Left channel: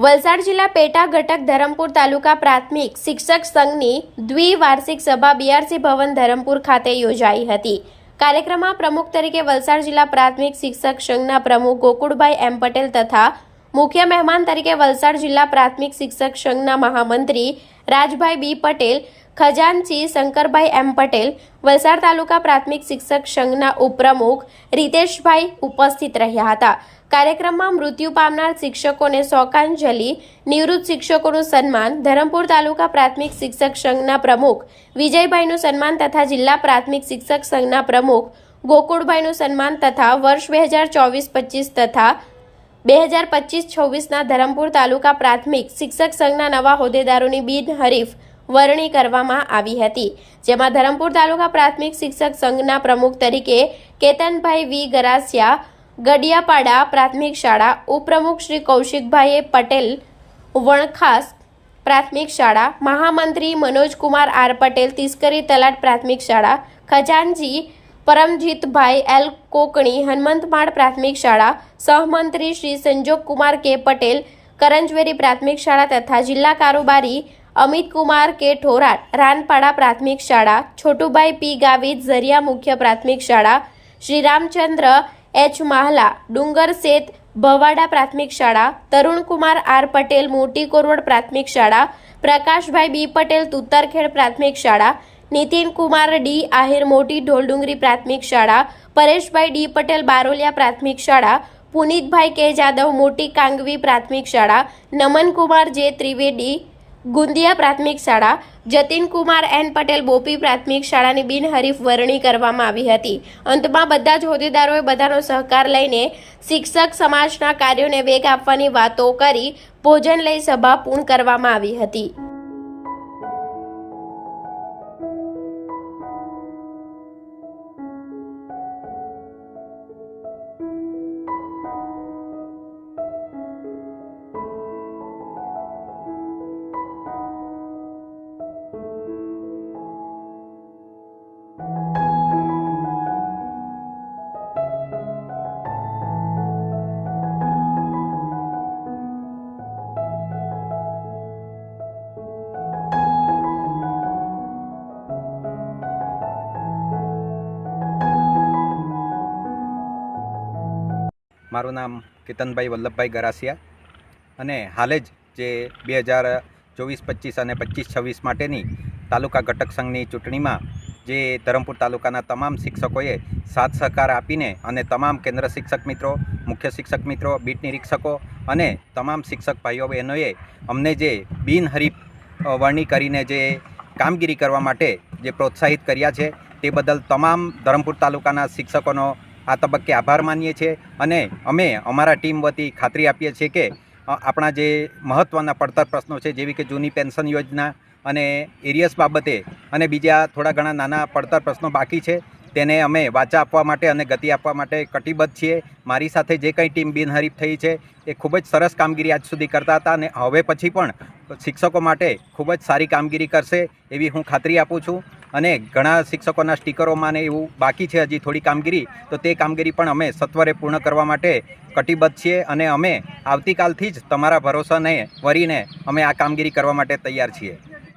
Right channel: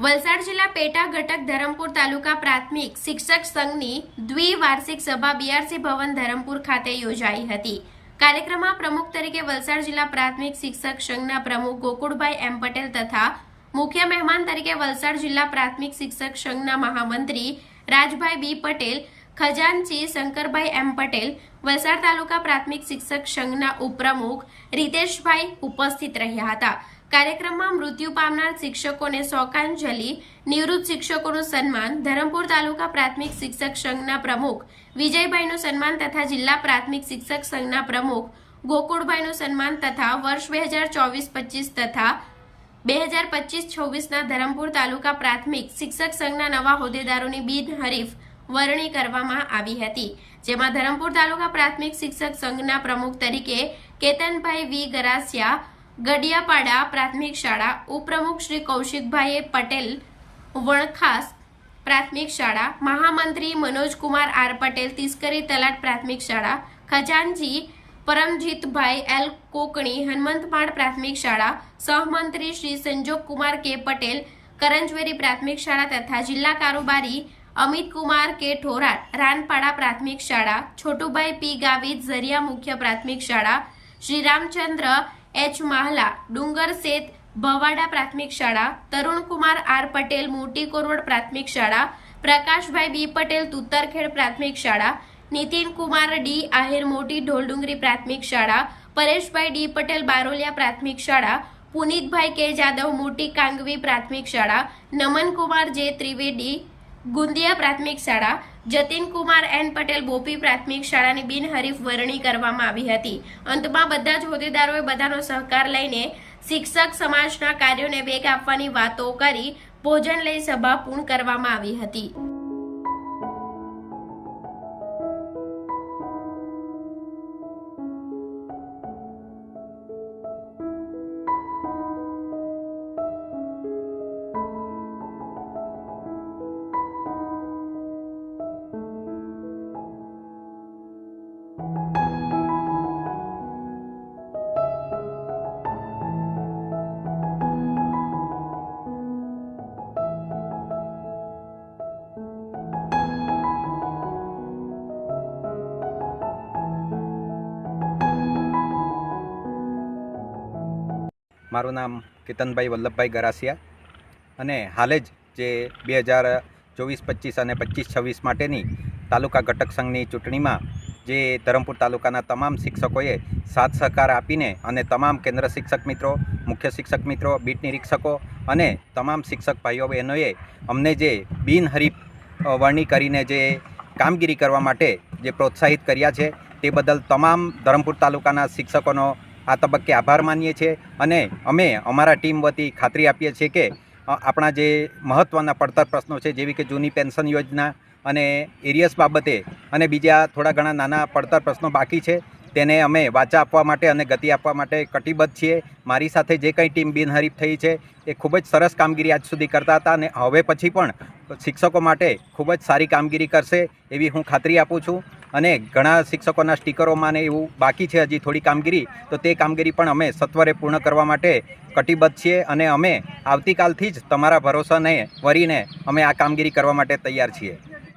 વલસાડ જિલ્લા પેટા ઘટક ધરમપુર તાલુકા પ્રાથમિક શિક્ષક સંઘની દ્વિવાર્ષિક સભા બીઆરસી ભવન ધરમપુર ખાતે યોજાઈ હતી. કાર્યક્રમમાં પ્રમુખ તરીકે વલસાડ જિલ્લા પ્રાથમિક શિક્ષક સંઘના પ્રમુખ ગોકુળભાઈ એમ પટેલ તથા મુખ્ય મહેમાન તરીકે વલસાડ જિલ્લા પ્રાથમિક શિક્ષક સંઘના મહામંત્રી રાજભાઈ બી પટેલ ખજાનચી શંકરભાઈ એમ પટેલ, વલસાડ તાલુકા પ્રાથમિક શિક્ષક સંઘના ઉપપ્રમુખ રીતેશભાઈ ઉપસ્થિત રહ્યા હતા. કાર્યક્રમમાં મૃત્યુ પામનાર શિક્ષકોને શોકાંજલિ, નિવૃત્ત શિક્ષકોનું સન્માન, ધરમપુર તાલુકા પ્રાથમિક શિક્ષક સંઘના પ્રમુખ વિજયભાઈનું સન્માન તથા જિલ્લા પ્રાથમિક શિક્ષક સંઘના પ્રમુખ ગોકુળભાઈનું સન્માન તથા વર્ષ બે હજાર ચોવીસ પચીસ તથા બે હજાર પચીસ છવ્વીસના ધરમપુર તાલુકા પ્રાથમિક શિક્ષક સંઘના નવા હોદ્દેદારોની બિનહરીફ વરણી કરવામાં આવી હતી. જેમાં ધરમપુર તાલુકા પ્રાથમિક શિક્ષક સંઘના પ્રમુખ તરીકે કેતનભાઈ વી. ગરાસિયા, ગડિયાપાડા પ્રાથમિક શાળા ઉપપ્રમુખ શ્રી કૌશિકભાઈ પટેલ, વણખાસ પ્રાથમિક શાળા, મહામંત્રી મનોજકુમાર આર પટેલ, તિસ્કરી તલાટ પ્રાથમિક શાળા, ખજાનજી પરમજીતભાઈ એલ કોકણી, હનુમંતમાળ પ્રાથમિક શાળા, સહમંત્રી શ્રી સંજોગકુમાર કે પટેલ, કરંજવેરી પ્રાથમિક શાળા તથા જિલ્લા કારોબારી અમિતકુમાર કે ઠોરાટ રાનપાડા પ્રાથમિક શાળા, છોટુભાઈ પી. ગાવિત ઝરિયા મુખ્ય પ્રાથમિક શાળા શ્રી રામચંદ્ર એચ. માહલા, ડુંગર શેત ભવાડા પ્રાથમિક શાળા, તરુણકુમાર આર. પટેલ મોટી કોરવડ પ્રાથમિક શાળા, પ્રકાશભાઈ બી. પટેલ તુત્તરખેડ પ્રાથમિક શાળા નીતિન કુમાર ડી. આહિર મોટી ઢોલડુંગરી પ્રાથમિક શાળા, પરેશભાઈ ડી. પટેલ બારોલિયા પ્રાથમિક શાળા, પુનિતભાઈ કે. જાદવ મોટી કાંગવી પ્રાથમિક શાળા, નમનકુમાર જે. ત્રિવેદી ગુંદિયા પ્રાથમિક શાળા. જતીનકુમાર એન પટેલ બોપી પ્રાથમિક શાળાની બિનહરીફ વરણી કરવામાં આવી હતી. અંતમાં બધા જ હોદ્દેદારોએ બધાનો સહકાર લઈને શિક્ષક સમાજના કાર્યોને વેગ આપવાની વાતો કરી ભોજન લઈ સભા પૂર્ણ કરવામાં આવી હતી. મારું નામ કેતનભાઈ વલ્લભભાઈ ગરાસિયા અને હાલે જ જે બે હજાર ચોવીસ, પચીસ અને પચીસ, છવ્વીસ માટેની તાલુકા ઘટક સંઘની ચૂંટણીમાં જે ધરમપુર તાલુકાના તમામ શિક્ષકોએ સાથ સહકાર આપીને અને તમામ કેન્દ્ર શિક્ષક મિત્રો, મુખ્ય શિક્ષક મિત્રો, બીટ નિરીક્ષકો અને તમામ શિક્ષક ભાઈઓ, બહેનોએ અમને જે બિનહરીફ વરણી કરીને જે કામગીરી કરવા માટે જે પ્રોત્સાહિત કર્યા છે, તે બદલ તમામ ધરમપુર તાલુકાના શિક્ષકોનો આ તબક્કે આભાર માનીએ છીએ અને અમે અમારા ટીમ વતી ખાતરી આપીએ છીએ કે આપણા જે મહત્ત્વના પડતર પ્રશ્નો છે, જેવી કે જૂની પેન્શન યોજના અને એરિયસ બાબતે અને બીજા થોડા ઘણા નાના પડતર પ્રશ્નો બાકી છે, તેને અમે વાચા આપવા માટે અને ગતિ આપવા માટે કટિબદ્ધ છીએ. મારી સાથે જે કંઈ ટીમ બિનહરીફ થઈ છે, એ ખૂબ જ સરસ કામગીરી આજ સુધી કરતા હતા અને હવે પછી પણ શિક્ષકો માટે ખૂબ જ સારી કામગીરી કરશે, એવી હું ખાતરી આપું છું. અને ઘણા શિક્ષકોના સ્ટીકરોમાં ને એવું બાકી છે હજી થોડી કામગીરી, તો તે કામગીરી પણ અમે સત્વરે પૂર્ણ કરવા માટે કટિબદ્ધ છીએ અને અમે આવતીકાલથી જ તમારા ભરોસાને વરીને અમે આ કામગીરી કરવા માટે તૈયાર છીએ.